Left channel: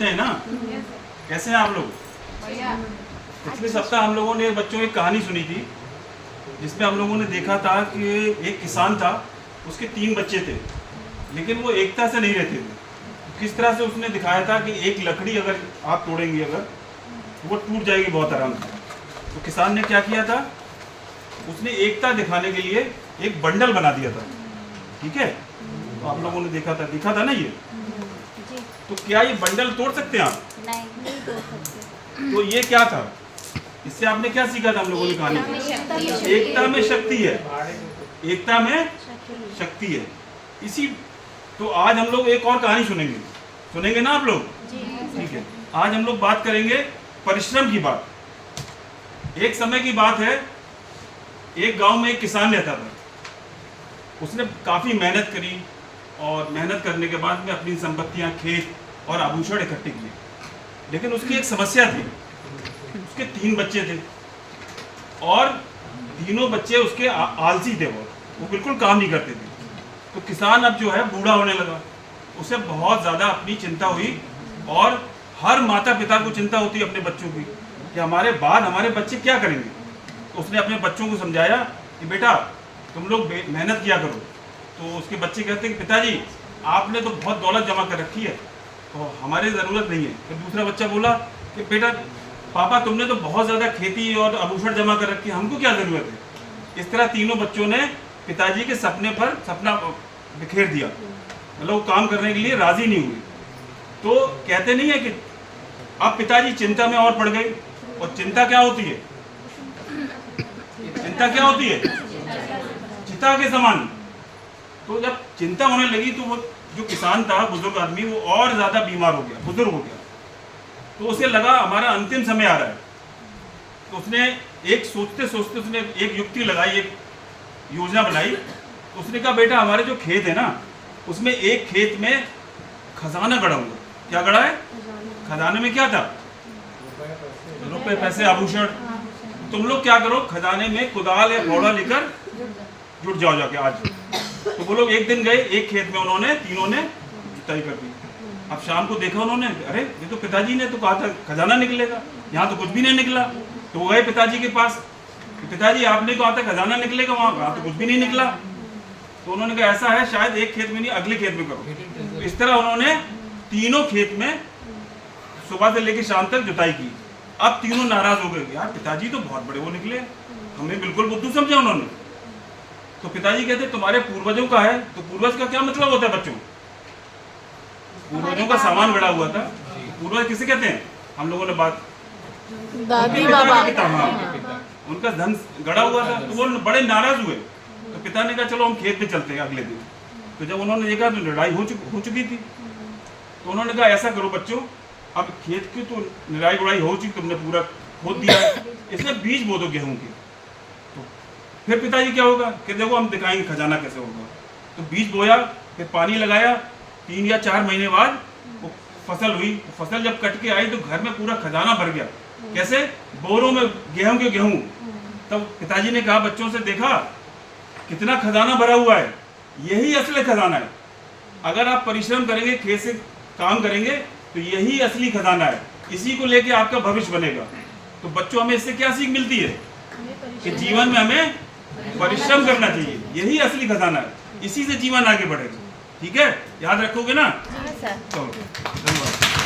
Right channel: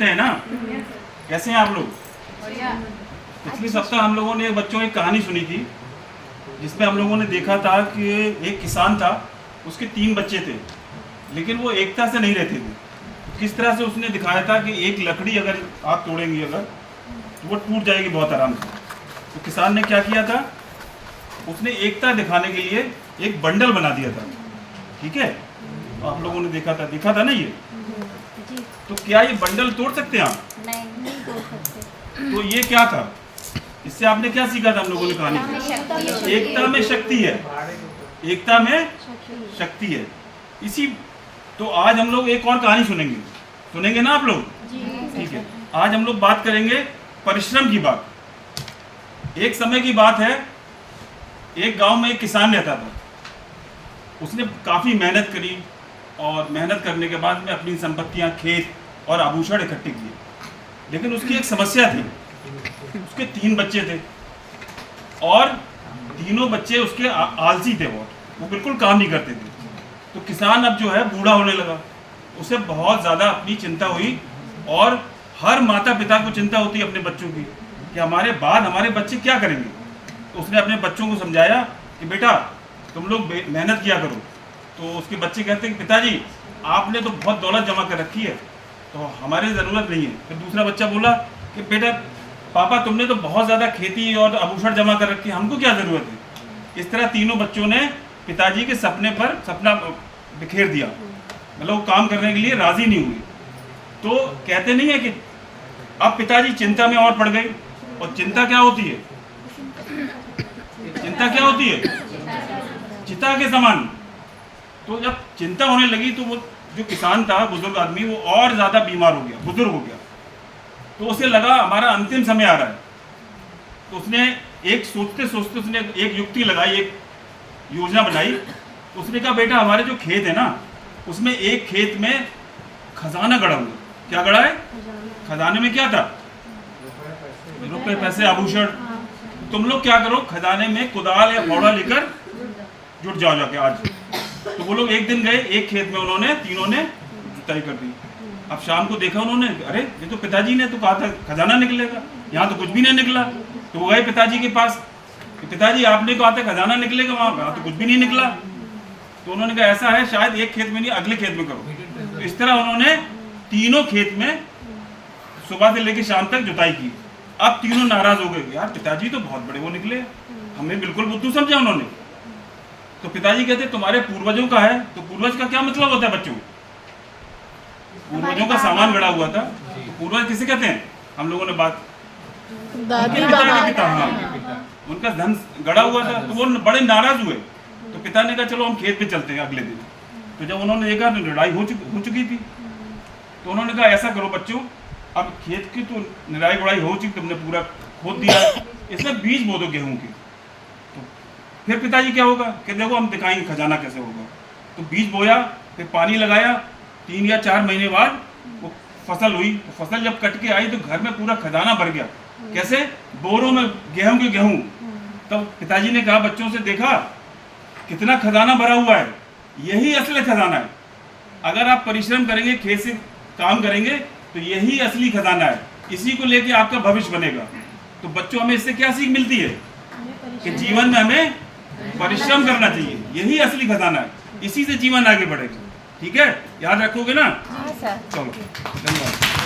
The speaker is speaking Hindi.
सुनते हैं ना? कैसे हैं आप लोग? पिछले सप्ताह हम लोगों ने बच्चों एक कहानी सुनी थी, जिसमें हम लोगों ने देखा था कि एक किसान था, उसके 3 बच्चे थे, लेकिन वो एकता से नहीं रहते थे। तो किस तरह से उसने दिखाया था कि एक लकड़ी अगर आप तोड़ेंगे अगर, तो वो टूट जाएगी बहुत आराम से। तो किसान ने क्या किया था, उसने एकता दिखाने के लिए एक बंडल बना दिया था। ठीक है, तो आप लोगों ने देखा था ना ये? तो क्या ये बंडल तोड़ सकते हैं आप? नहीं तोड़ सकते। तो ये क्या था, इससे आपने क्या सीखा था हम लोगों ने कहानी? एकता में शक्ति है, एकता में शक्ति है। इसी तो आज हम लोग एक और कहानी सुनेंगे ना आप लोग? ठीक है, आज हम लोग बात करेंगे परिश्रम की बात। एक समय की बात है, एक गांव में एक किसान रहता था। उसने काफ़ी मेहनत करी और मेहनत करने के बाद में अपनी संपत्तियां, खेत और आभूषण इकट्ठे किए। लेकिन उसकी एक समस्या थी, उसके 3 बच्चे थे और तीनों बच्चे उसके आलसी थे बहुत, वो बिल्कुल काम नहीं करते थे। तो किसान अब जो है बूढ़ा होने लगा, उसे बहुत ज़्यादा अपनी चिंता हुई और हर माता पिता को चिंता होती है अपने बच्चों की कि हमारे बाद हमारे बच्चे क्या करेंगे। तो उसने अपने बच्चों को समझाया कि बेटा तुम लोग मेहनत किया करो। तो उसके बच्चे कहते हैं कि पिताजी आपने तो बहुत दौलत जमा कर रखी है, तो हमारी ज़रूरत नहीं है। फिर दूसरा बच्चा बोला कि बेटा पापा तुमने तो बहुत ज़्यादा खेती और आभूषण जमा कर रखी है, हमको क्या ज़रूरत है। इस तरह तीनों बच्चों ने पिताजी के सपना बिखेर दिया, मतलब वो काम करने के लिए राज़ी नहीं हुई। तो कहते नहीं है कि अब पिताजी चिंता में और पड़ गई। और चिंता क्या होती है? चिंता क्या होती है? चिता के समान। तो जब चिंता होने लगी तो वो जो किसान था, बुजुर्ग आदमी, वो और ज़्यादा बीमार हो गया, बुजुर्ग हो गया। तो उसे लगा हमारा अंतिम समय आ रहा है। तो उसने एक सोचते सोचते उसने एक युक्ति लगाई, एक योजना बनाई। उसने कहा बेटा हमारे जो खेत है ना, उसमें एक खेत में खजाना गड़ा हुआ। क्या गड़ा है? खजाने में क्या था? रुपए, पैसे, आभूषण। तुम लोग क्या करो, खजाने में कुदाल या फावड़ा लेकर जुट जाओ जाके आज। तो वो लोग एक दिन गए, एक खेत में उन्होंने तीनों ने जुताई कर दी। अब शाम को देखा उन्होंने, अरे ये तो पिताजी ने तो कहा था खजाना निकलेगा, यहाँ तो कुछ भी नहीं निकला। तो वो गए पिताजी के पास, तो पिताजी आपने कहा था खजाना निकलेगा, वहाँ तो कुछ भी नहीं निकला। तो उन्होंने कहा ऐसा है, शायद एक खेत में नहीं अगले खेत में करो। तो इस तरह उन्होंने तीनों खेत में सुबह से लेकर शाम तक जुताई की। अब तीनों नाराज हो गए, यार पिताजी तो बहुत बड़े वो निकले, हमें बिल्कुल बुद्धू समझा उन्होंने। तो पिताजी कहते तुम्हारे पूर्वजों का है। तो पूर्वज का क्या मतलब होता है बच्चों? पूर्वजों का सामान गड़ा हुआ था। तो पूर्वज किसे कहते हैं? हम लोगों ने बात दादी बाबा, उनका धन गड़ा हुआ था। तो वो बड़े नाराज हुए। तो पिता ने कहा चलो हम खेत पे चलते हैं अगले दिन। तो जब उन्होंने देखा तो लड़ाई हो चुकी थी। तो उन्होंने कहा ऐसा करो बच्चों, अब खेत की तो निराई गुड़ाई हो चुकी, तुमने पूरा खोद दिया, इसमें बीज बो दो गेहूं की। तो फिर पिताजी क्या होगा कि देखो हम दिखाएंगे खजाना कैसे होगा। तो बीज बोया, फिर पानी लगाया, 3 या 4 महीने बाद वो फसल हुई। तो फसल जब कट के आई तो घर में पूरा खजाना भर गया। कैसे? बोरों में गेहूं के गेहूं। तब पिताजी ने कहा बच्चों से, देखा कितना खजाना भरा हुआ है, यही असली खजाना है। अगर आप परिश्रम करेंगे, खेत से काम करेंगे, तो यही असली खजाना है, इसी को लेके आपका भविष्य बनेगा। तो बच्चों हमें इससे क्या सीख मिलती है कि जीवन में हमें परिश्रम करना चाहिए, यही असली खजाना है, इसी से जीवन आगे बढ़ेगा। ठीक है, याद रखोगे ना? हाँ सर। चलो धन्यवाद।